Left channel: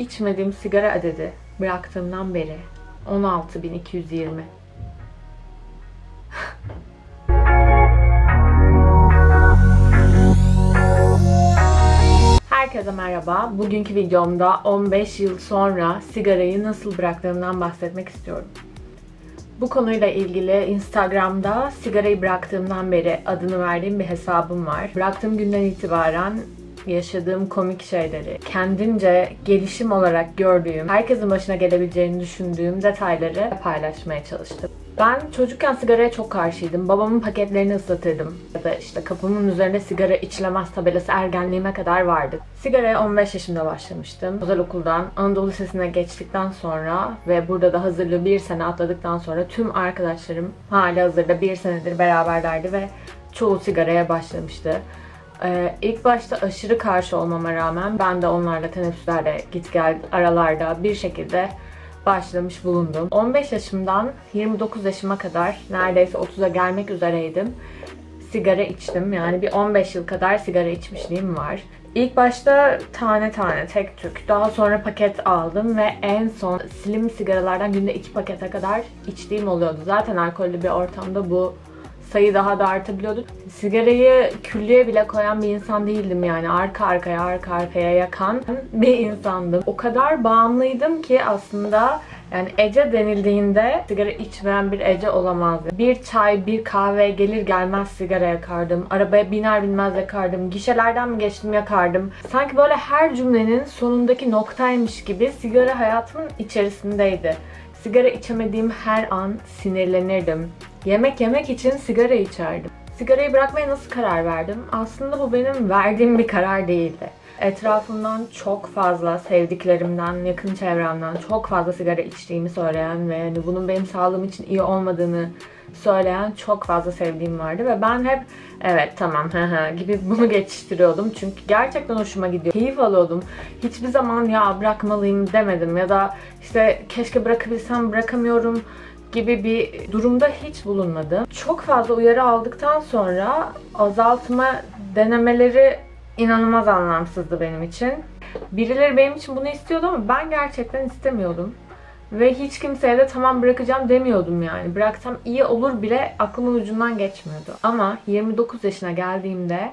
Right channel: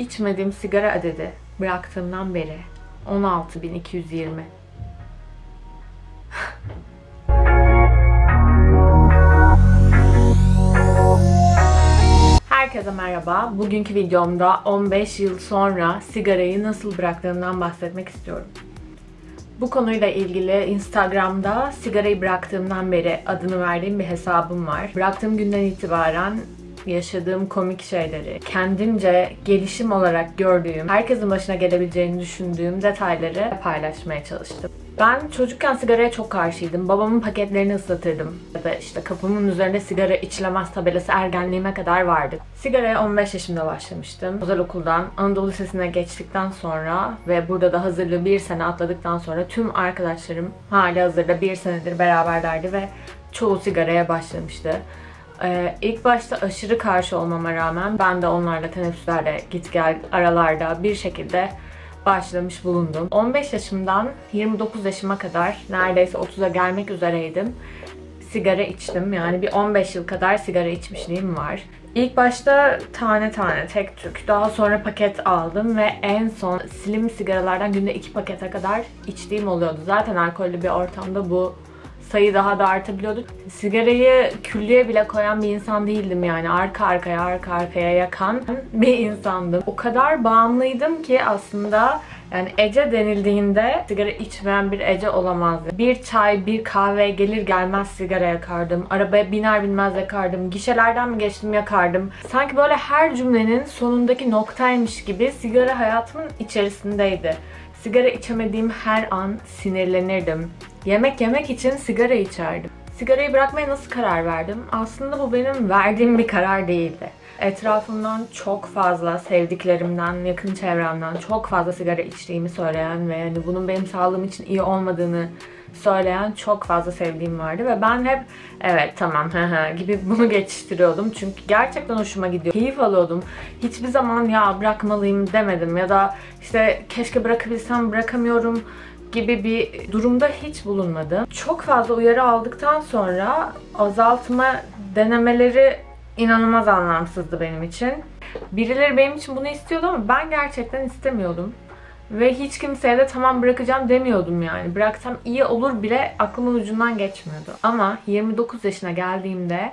içmediğim sigara adedi bıraktığımdan beri 16.220. Herkese merhaba. Bugünkü videomda 15 yıl sonra sigarayı nasıl bıraktığımdan bahsetmek istiyorum. Bu konuyla ilgili Instagram'da sigarayı bıraktığımdan beri adını verdiğim bir hesabım var. Bıraktığım günden itibaren yaşadığım komik şeyleri, kendimce gelişim olarak gördüğüm, herkesin başına gelebileceğini düşündüğüm detayları paylaşmaya çalıştım. Ben çocukken sigaraya çok karşıydım. Babamın paketlerini ıslatırdım. Ya da işte kapının üzerine sigara içilemez tabelası ergenliğime kadar vardı. Sigaraya 15 yaşımda başlamıştım. Özel okuldan Anadolu Lisesi'ne geçtikten sonra ve burada da hazırlığı bir sene atladıktan sonra tüm arkadaşlarım hali hazırda bir senedir beraberlerdi ve çoğu sigaraya başlamıştı. İlk başta aşırı karşı olmama rağmen ben de onlarla teneffüslerde git gel aralarda bir şekilde başlamış bulundum. 15 yaşımdan 29 yaşıma kadar neredeyse 30'a gelmek üzereydim. Sigara içtim. Yani bir 15 yıl kadar sigara içmişliğim var. İlk başta tane tane, tek tük. Daha sonra paket aldım ve en son slim sigaralardan günde 2 pakete kadar içtiğim oluyordu. Zaten alkollü bir ortamda bu sayı daha da artabiliyordu. Sigarayı küllüğe bile koyan bir insan değildim yani. Arka arkaya yakan bir insandım. O kadar bağımlıydım ki aslında yani Ece denildiğinde sigara içmeyen bir Ece olamazdı. Bir çay, bir kahve gelir gelmez sigara yakardım. Arabaya biner binmez yakardım. Gişelerden mi geçtim yakardım. Sanki böyle her cümlenin sonundaki noktaymış gibi sigara hayatımın içerisindeydi. Sigara içemediğim her an sinirlenirdim. Yemek yemek için sigara içerdim. Sigarayı bırakmaya nasıl karar verdim? Aslında bu benim verdiğim bir karar değildi. Etrafımdan çok fazla sevdiklerimden, yakın çevremden çok fazla sigara içtiğimi söyleyen ve yani bunun benim sağlığım için iyi olmadığını söyleyen çok fazla sevdiğim vardı ve ben hep evet tamam gibi bunu geçiştiriyordum çünkü gerçekten hoşuma gidiyor. Keyif alıyordum. Hiçbir zaman ya bırakmalıyım demedim ya da işte keşke bırakabilsem bırakamıyorum gibi bir durumda hiç bulunmadım. Çok fazla uyarı aldıktan sonra azaltma denemeleri inanılmaz anlamsızdı benim için. Birileri benim için bunu istiyordu ama ben gerçekten istemiyordum. Ve hiç kimseye de tamam bırakacağım demiyordum yani. Bıraksam iyi olur bile aklımın ucundan geçmiyordu. Ama 29 yaşına geldiğimde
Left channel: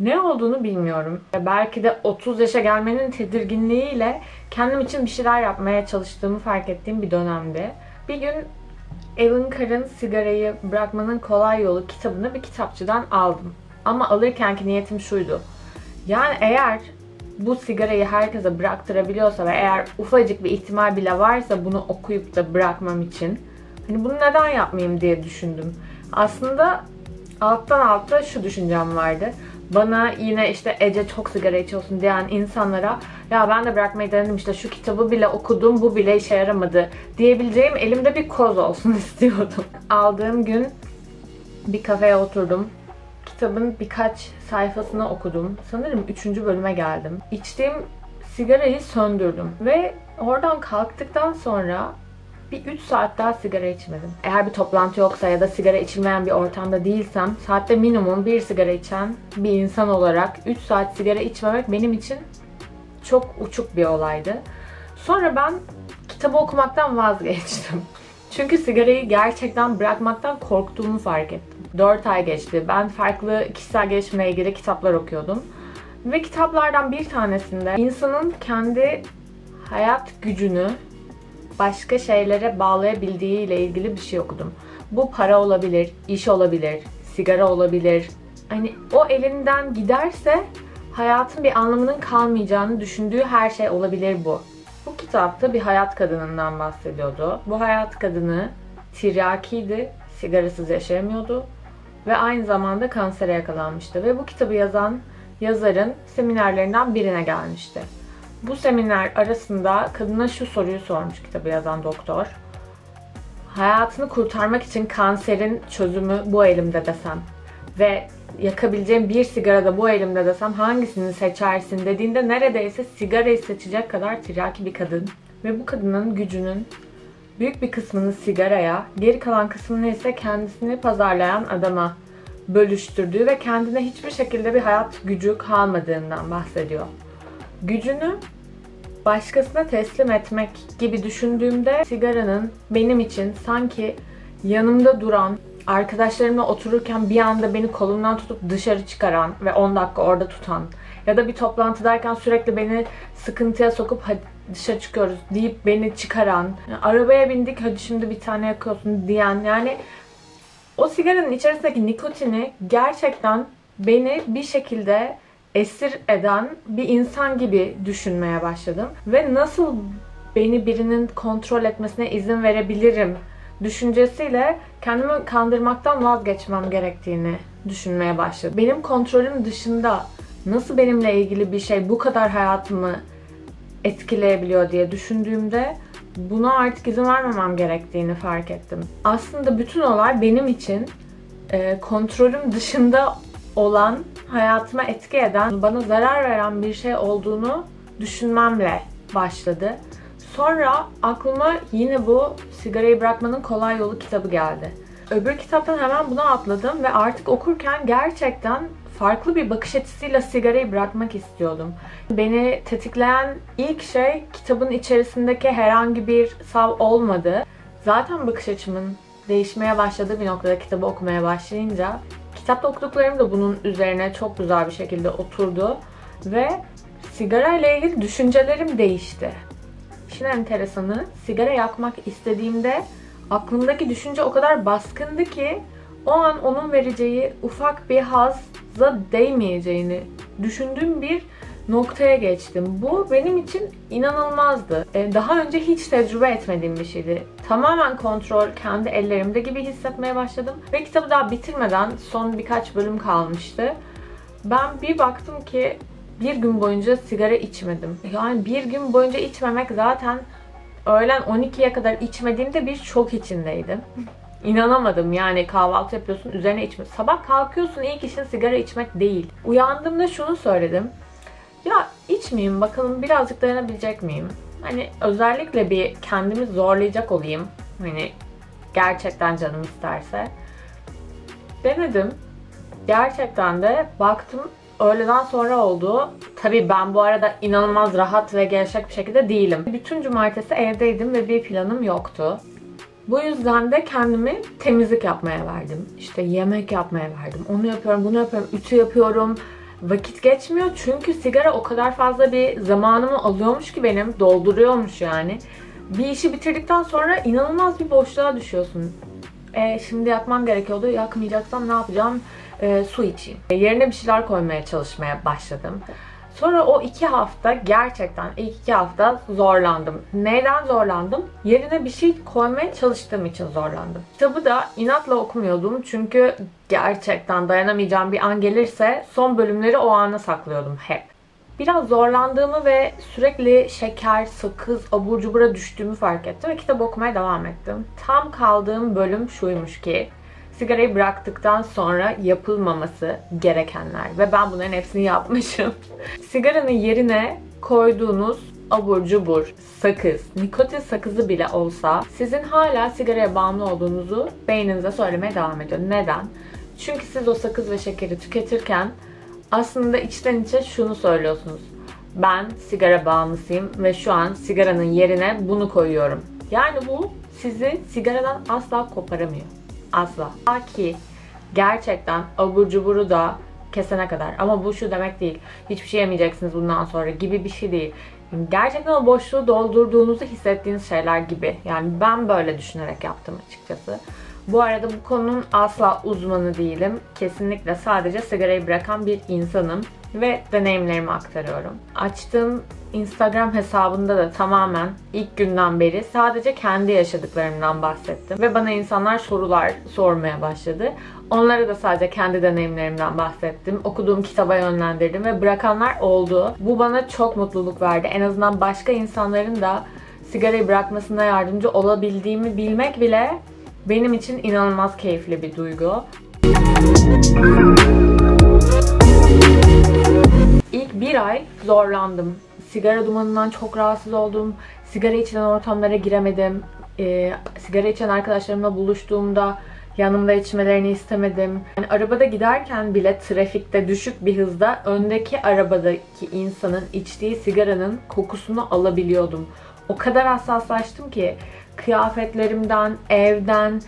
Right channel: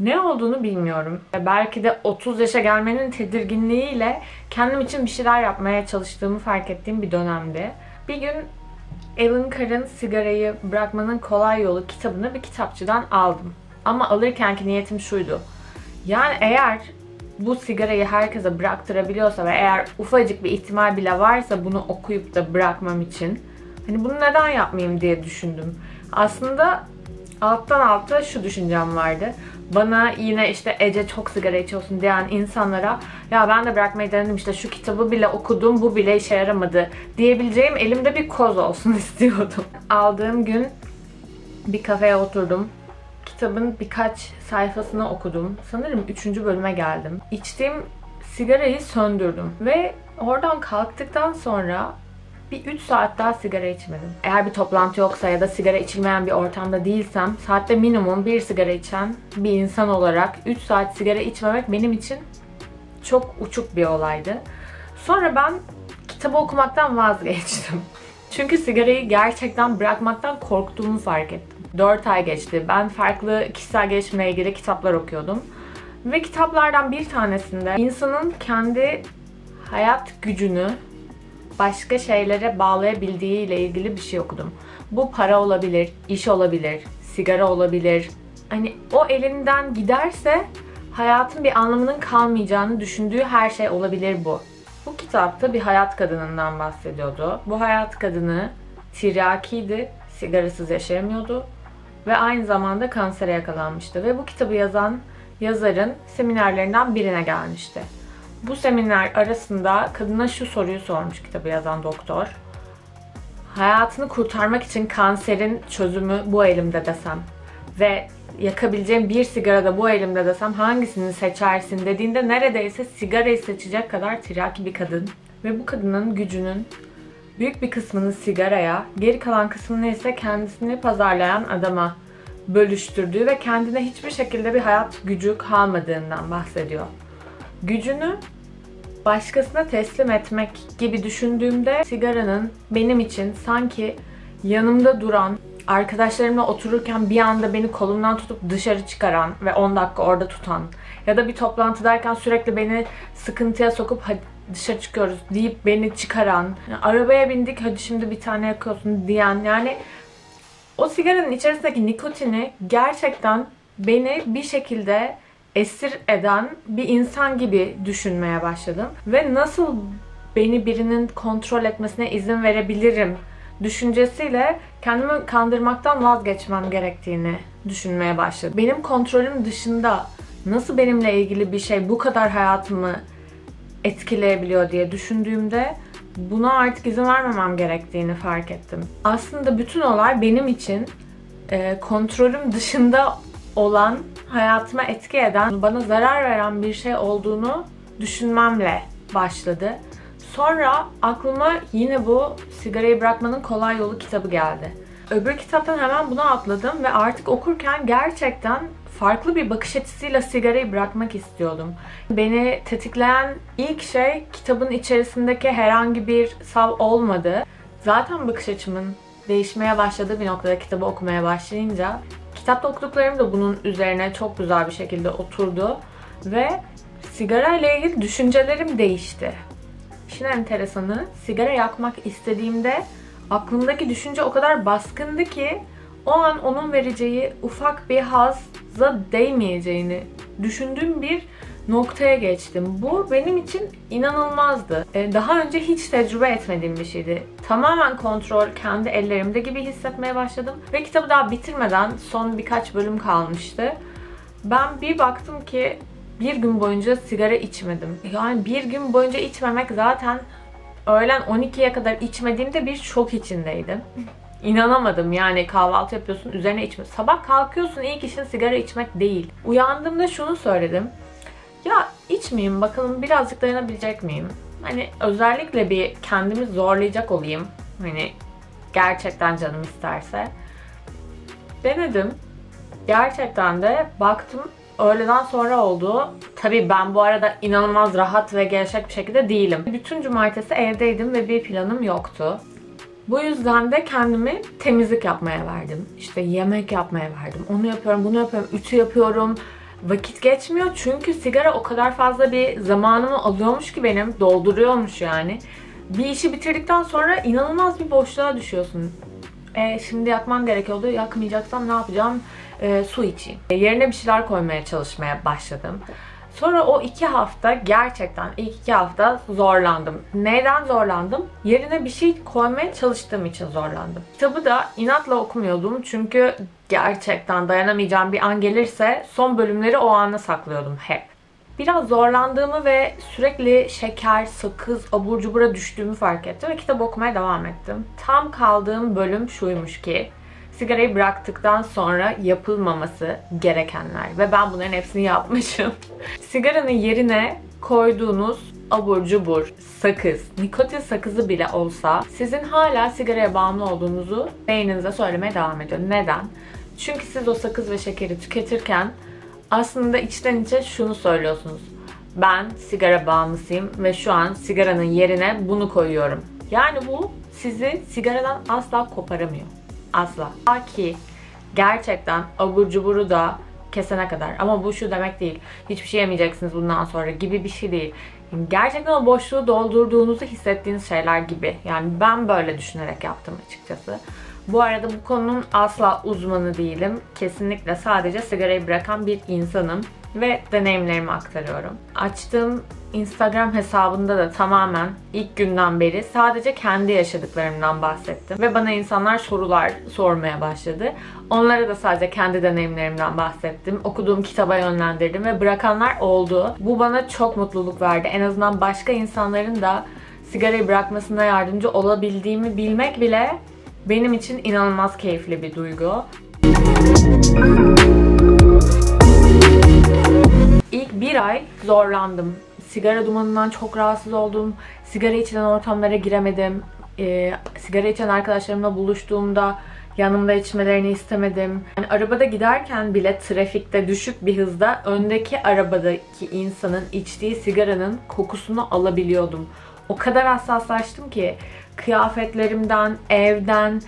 ne olduğunu bilmiyorum. Belki de 30 yaşa gelmenin tedirginliğiyle kendim için bir şeyler yapmaya çalıştığımı fark ettiğim bir dönemdi. Bir gün Alan Carr'ın Sigarayı Bırakmanın Kolay Yolu kitabını bir kitapçıdan aldım. Ama alırkenki niyetim şuydu. Yani eğer bu sigarayı herkese bıraktırabiliyorsa ve eğer ufacık bir ihtimal bile varsa bunu okuyup da bırakmam için hani bunu neden yapmayayım diye düşündüm. Aslında alttan alta şu düşüncem vardı. Bana yine işte Ece çok sigara içiyorsun diyen insanlara ya ben de bırakmayı denedim işte şu kitabı bile okudum bu bile işe yaramadı diyebileceğim elimde bir koz olsun istiyordum. Aldığım gün bir kafeye oturdum. Kitabın birkaç sayfasını okudum. Sanırım 3. bölüme geldim. İçtiğim sigarayı söndürdüm. Ve oradan kalktıktan sonra bir 3 saat daha sigara içmedim. Eğer bir toplantı yoksa ya da sigara içilmeyen bir ortamda değilsem saatte minimum 1 sigara içen bir insan olarak 3 saat sigara içmemek benim için çok uçuk bir olaydı. Sonra ben kitabı okumaktan vazgeçtim. Çünkü sigarayı gerçekten bırakmaktan korktuğumu fark ettim. 4 ay geçti. Ben farklı kişisel gelişimle ilgili kitaplar okuyordum. Ve kitaplardan bir tanesinde insanın kendi hayat gücünü başka şeylere bağlayabildiği ile ilgili bir şey okudum. Bu para olabilir, iş olabilir, sigara olabilir. Hani o elinden giderse hayatın bir anlamının kalmayacağını düşündüğü her şey olabilir bu. Bu kitapta bir hayat kadınından bahsediyordu. Bu hayat kadını tiryakiydi, sigarasız yaşayamıyordu ve aynı zamanda kansere yakalanmıştı. Ve bu kitabı yazan yazarın seminerlerinden birine gelmişti. Bu seminer arasında kadına şu soruyu sormuş kitabı yazan doktor. Hayatını kurtarmak için kanserin çözümü bu elimde desem ve yakabileceğim bir sigara da bu elimde desem hangisini seçersin dediğinde neredeyse sigarayı seçecek kadar tiryaki bir kadın. Ve bu kadının gücünün büyük bir kısmını sigaraya, geri kalan kısmını ise kendisini pazarlayan adama bölüştürdüğü ve kendine hiçbir şekilde bir hayat gücü kalmadığından bahsediyor. Gücünü başkasına teslim etmek gibi düşündüğümde sigaranın benim için sanki yanımda duran, arkadaşlarımla otururken bir anda beni kolumdan tutup dışarı çıkaran ve 10 dakika orada tutan ya da bir toplantıdayken sürekli beni sıkıntıya sokup hadi dışarı çıkıyoruz deyip beni çıkaran, yani arabaya bindik hadi şimdi bir tane yakıyorsun diyen, yani o sigaranın içerisindeki nikotini gerçekten beni bir şekilde esir eden bir insan gibi düşünmeye başladım. Ve nasıl beni birinin kontrol etmesine izin verebilirim düşüncesiyle kendimi kandırmaktan vazgeçmem gerektiğini düşünmeye başladım. Benim kontrolüm dışında nasıl benimle ilgili bir şey bu kadar hayatımı etkileyebiliyor diye düşündüğümde buna artık izin vermemem gerektiğini fark ettim. Aslında bütün olay benim için kontrolüm dışında olan, hayatıma etki eden, bana zarar veren bir şey olduğunu düşünmemle başladı. Sonra aklıma yine bu Sigarayı Bırakmanın Kolay Yolu kitabı geldi. Öbür kitaptan hemen buna atladım ve artık okurken gerçekten farklı bir bakış açısıyla sigarayı bırakmak istiyordum. Beni tetikleyen ilk şey kitabın içerisindeki herhangi bir sav olmadı. Zaten bakış açımın değişmeye başladığı bir noktada kitabı okumaya başlayınca kitapta okuduklarım da bunun üzerine çok güzel bir şekilde oturdu ve sigara ile ilgili düşüncelerim değişti. İşin enteresanı, sigara yakmak istediğimde aklımdaki düşünce o kadar baskındı ki o an onun vereceği ufak bir hazza değmeyeceğini düşündüğüm bir noktaya geçtim. Bu benim için inanılmazdı. Daha önce hiç tecrübe etmediğim bir şeydi. Tamamen kontrol kendi ellerimde gibi hissetmeye başladım. Ve kitabı daha bitirmeden son birkaç bölüm kalmıştı. Ben bir baktım ki bir gün boyunca sigara içmedim. Yani bir gün boyunca içmemek zaten öğlen 12'ye kadar içmediğimde bir şok içindeydim. İnanamadım, yani kahvaltı yapıyorsun üzerine içme. Sabah kalkıyorsun ilk işin sigara içmek değil. Uyandığımda şunu söyledim. Ya içmeyeyim bakalım birazcık dayanabilecek miyim? Hani özellikle bir kendimi zorlayacak olayım. Hani gerçekten canım isterse. Denedim. Gerçekten de baktım öğleden sonra oldu. Tabii ben bu arada inanılmaz rahat ve gevşek bir şekilde değilim. Bütün cumartesi evdeydim ve bir planım yoktu. Bu yüzden de kendimi temizlik yapmaya verdim. İşte yemek yapmaya verdim. Onu yapıyorum, bunu yapıyorum, ütü yapıyorum. Vakit geçmiyor çünkü sigara o kadar fazla bir zamanımı alıyormuş ki benim, dolduruyormuş yani. Bir işi bitirdikten sonra inanılmaz bir boşluğa düşüyorsun. Şimdi yakmam gerekiyordu, yakmayacaksam ne yapacağım? Su içeyim. Yerine bir şeyler koymaya çalışmaya başladım. Sonra o 2 hafta gerçekten ilk 2 hafta zorlandım. Neyden zorlandım? Yerine bir şey koymaya çalıştığım için zorlandım. Kitabı da inatla okumuyordum çünkü gerçekten dayanamayacağım bir an gelirse son bölümleri o ana saklıyordum hep. Biraz zorlandığımı ve sürekli şeker, sakız, abur cubura düştüğümü fark ettim ve kitap okumaya devam ettim. Tam kaldığım bölüm şuymuş ki sigarayı bıraktıktan sonra yapılmaması gerekenler ve ben bunların hepsini yapmışım. Sigaranın yerine koyduğunuz abur cubur, sakız, nikotin sakızı bile olsa sizin hala sigaraya bağımlı olduğunuzu beyninize söylemeye devam ediyor. Neden? Çünkü siz o sakız ve şekeri tüketirken aslında içten içe şunu söylüyorsunuz. Ben sigara bağımlısıyım ve şu an sigaranın yerine bunu koyuyorum. Yani bu sizi sigaradan asla koparamıyor. Asla. Ta ki gerçekten abur cuburu da kesene kadar. Ama bu şu demek değil. Hiçbir şey yemeyeceksiniz bundan sonra gibi bir şey değil. Gerçekten o boşluğu doldurduğunuzu hissettiğiniz şeyler gibi. Yani ben böyle düşünerek yaptım açıkçası. Bu arada bu konunun asla uzmanı değilim. Kesinlikle sadece sigarayı bırakan bir insanım. Ve deneyimlerimi aktarıyorum. Açtığım Instagram hesabında da tamamen ilk günden beri sadece kendi yaşadıklarımdan bahsettim. Ve bana insanlar sorular sormaya başladı. Onlara da sadece kendi deneyimlerimden bahsettim. Okuduğum kitaba yönlendirdim ve bırakanlar oldu. Bu bana çok mutluluk verdi. En azından başka insanların da sigarayı bırakmasına yardımcı olabildiğimi bilmek bile benim için inanılmaz keyifli bir duygu. İlk bir ay zorlandım. Sigara dumanından çok rahatsız oldum. Sigara içilen ortamlara giremedim. Sigara içen arkadaşlarımla buluştuğumda Yanımda içmelerini istemedim. Yani arabada giderken bile trafikte düşük bir hızda öndeki arabadaki insanın içtiği sigaranın kokusunu alabiliyordum. O kadar hassaslaştım ki kıyafetlerimden, evden,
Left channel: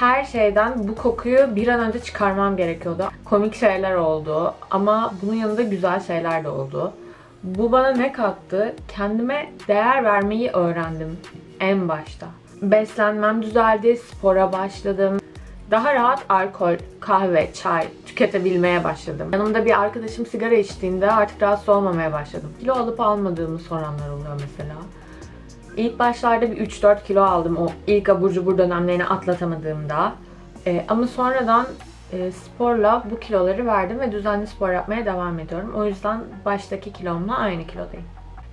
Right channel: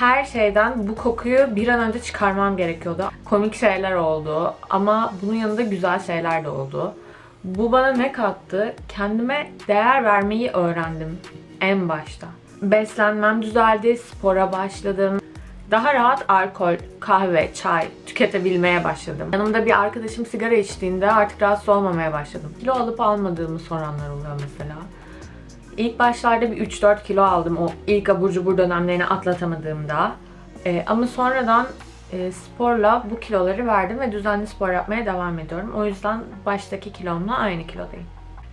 her şeyden bu kokuyu bir an önce çıkarmam gerekiyordu. Komik şeyler oldu ama bunun yanında güzel şeyler de oldu. Bu bana ne kattı? Kendime değer vermeyi öğrendim en başta. Beslenmem düzeldi, spora başladım. Daha rahat alkol, kahve, çay tüketebilmeye başladım. Yanımda bir arkadaşım sigara içtiğinde artık rahatsız olmamaya başladım. Kilo alıp almadığımı soranlar oluyor mesela. İlk başlarda bir 3-4 kilo aldım o ilk abur cubur dönemlerini atlatamadığımda. Ama sonradan sporla bu kiloları verdim ve düzenli spor yapmaya devam ediyorum. O yüzden baştaki kilomla aynı kilodayım.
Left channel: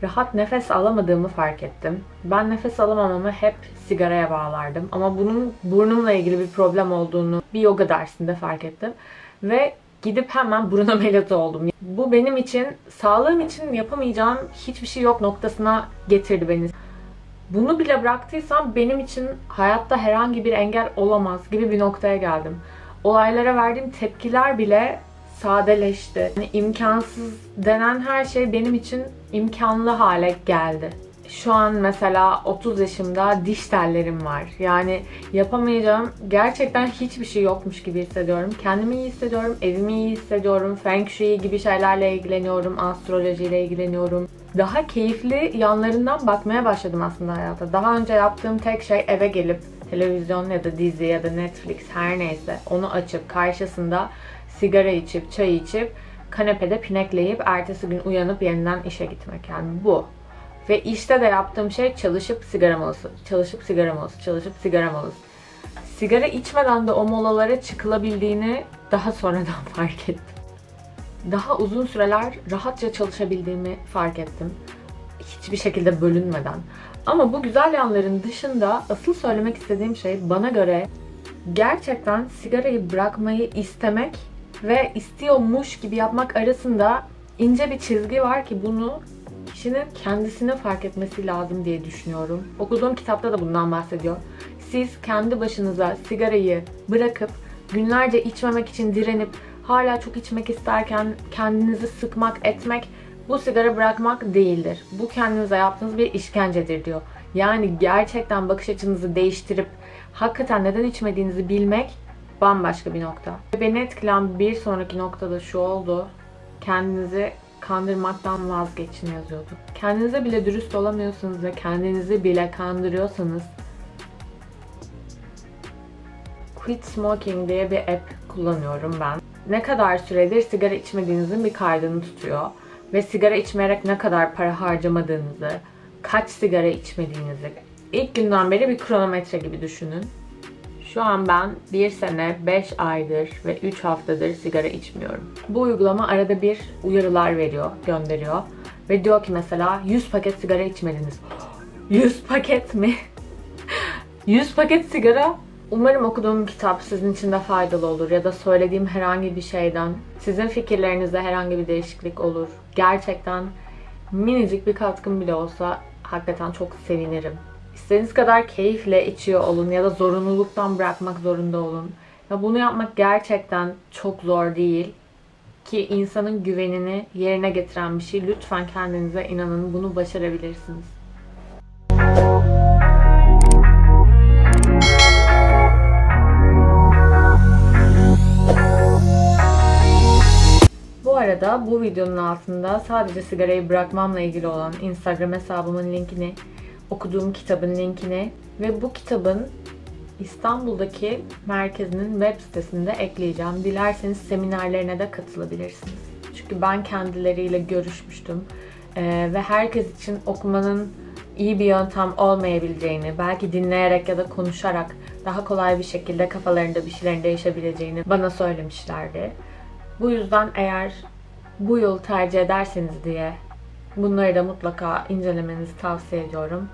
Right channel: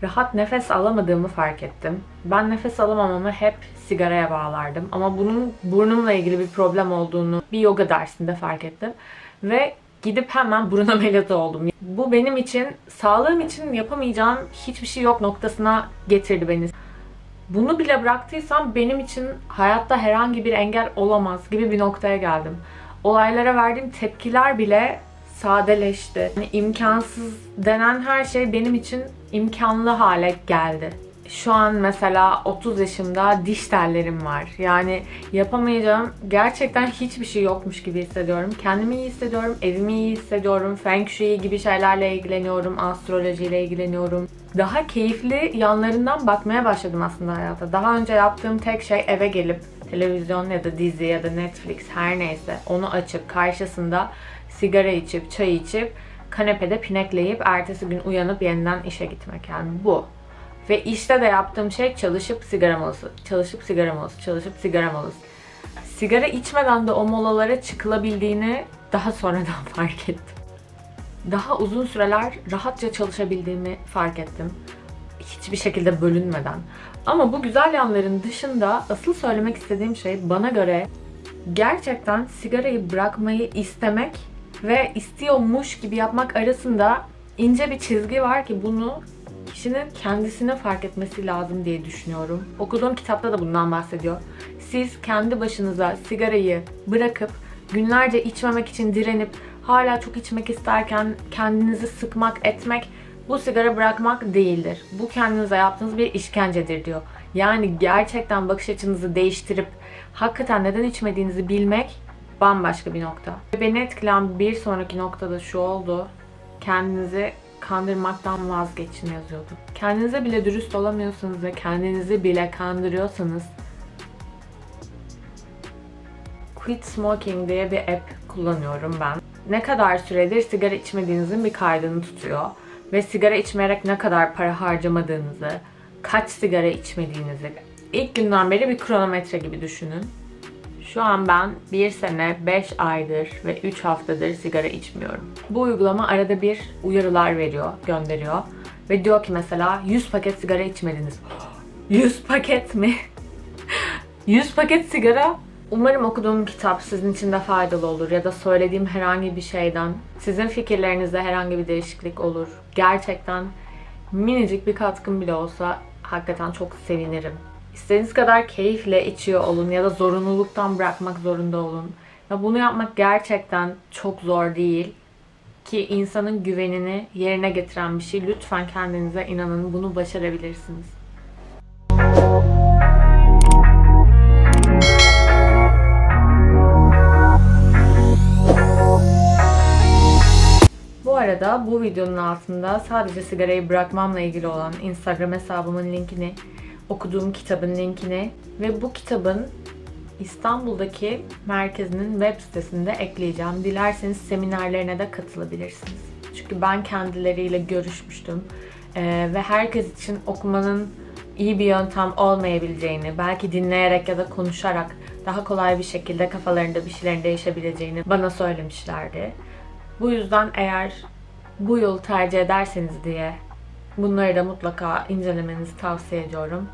Rahat nefes alamadığımı fark ettim. Ben nefes alamamamı hep sigaraya bağlardım. Ama bunun burnumla ilgili bir problem olduğunu bir yoga dersinde fark ettim. Ve gidip hemen burun ameliyatı oldum. Bu benim için, sağlığım için yapamayacağım hiçbir şey yok noktasına getirdi beni. Bunu bile bıraktıysam benim için hayatta herhangi bir engel olamaz gibi bir noktaya geldim. Olaylara verdiğim tepkiler bile sadeleşti. Yani imkansız denen her şey benim için imkanlı hale geldi. Şu an mesela 30 yaşımda diş tellerim var. Yani yapamayacağım gerçekten hiçbir şey yokmuş gibi hissediyorum. Kendimi iyi hissediyorum, evimi iyi hissediyorum. Feng Shui gibi şeylerle ilgileniyorum, astrolojiyle ilgileniyorum. Daha keyifli yanlarından bakmaya başladım aslında hayata. Daha önce yaptığım tek şey eve gelip televizyon ya da dizi ya da Netflix her neyse onu açıp karşısında sigara içip, çay içip, kanepede pinekleyip ertesi gün uyanıp yeniden işe gitmek. Yani bu. Ve işte de yaptığım şey çalışıp sigara molası, çalışıp sigara molası, çalışıp sigara molası. Sigara içmeden de o molalara çıkılabildiğini daha sonradan fark ettim. Daha uzun süreler rahatça çalışabildiğimi fark ettim. Hiçbir şekilde bölünmeden. Ama bu güzel yanların dışında asıl söylemek istediğim şey bana göre gerçekten sigarayı bırakmayı istemek ve istiyormuş gibi yapmak arasında ince bir çizgi var ki bunu kişinin kendisine fark etmesi lazım diye düşünüyorum. Okuduğum kitapta da bundan bahsediyor. Siz kendi başınıza sigarayı bırakıp günlerce içmemek için direnip hala çok içmek isterken kendinizi sıkmak, etmek bu sigara bırakmak değildir. Bu kendinize yaptığınız bir işkencedir diyor. Yani gerçekten bakış açınızı değiştirip hakikaten neden içmediğinizi bilmek bambaşka bir nokta. Beni etkileyen bir sonraki noktada şu oldu. Kendinizi kandırmaktan vazgeçin yazıyordu. Kendinize bile dürüst olamıyorsanız ve kendinizi bile kandırıyorsanız Quit Smoking diye bir app kullanıyorum ben. Ne kadar süredir sigara içmediğinizin bir kaydını tutuyor. Ve sigara içmeyerek ne kadar para harcamadığınızı, kaç sigara içmediğinizi ilk günden beri bir kronometre gibi düşünün. Şu an ben 1 sene, 5 aydır ve 3 haftadır sigara içmiyorum. Bu uygulama arada bir uyarılar veriyor, gönderiyor. Ve diyor ki mesela 100 paket sigara içmediniz. 100 paket mi? 100 paket sigara. Umarım okuduğum kitap sizin için de faydalı olur ya da söylediğim herhangi bir şeyden sizin fikirlerinizde herhangi bir değişiklik olur. Gerçekten minicik bir katkım bile olsa hakikaten çok sevinirim. İstediğiniz kadar keyifle içiyor olun ya da zorunluluktan bırakmak zorunda olun. Ve bunu yapmak gerçekten çok zor değil. Ki insanın güvenini yerine getiren bir şey. Lütfen kendinize inanın, bunu başarabilirsiniz. Bu arada bu videonun altında sadece sigarayı bırakmamla ilgili olan Instagram hesabımın linkini, okuduğum kitabın linkini ve bu kitabın İstanbul'daki merkezinin web sitesinde ekleyeceğim. Dilerseniz seminerlerine de katılabilirsiniz. Çünkü ben kendileriyle görüşmüştüm. Ve herkes için okumanın iyi bir yöntem olmayabileceğini, belki dinleyerek ya da konuşarak daha kolay bir şekilde kafalarında bir şeylerin değişebileceğini bana söylemişlerdi. Bu yüzden eğer bu yolu tercih ederseniz diye bunları da mutlaka incelemenizi tavsiye ediyorum.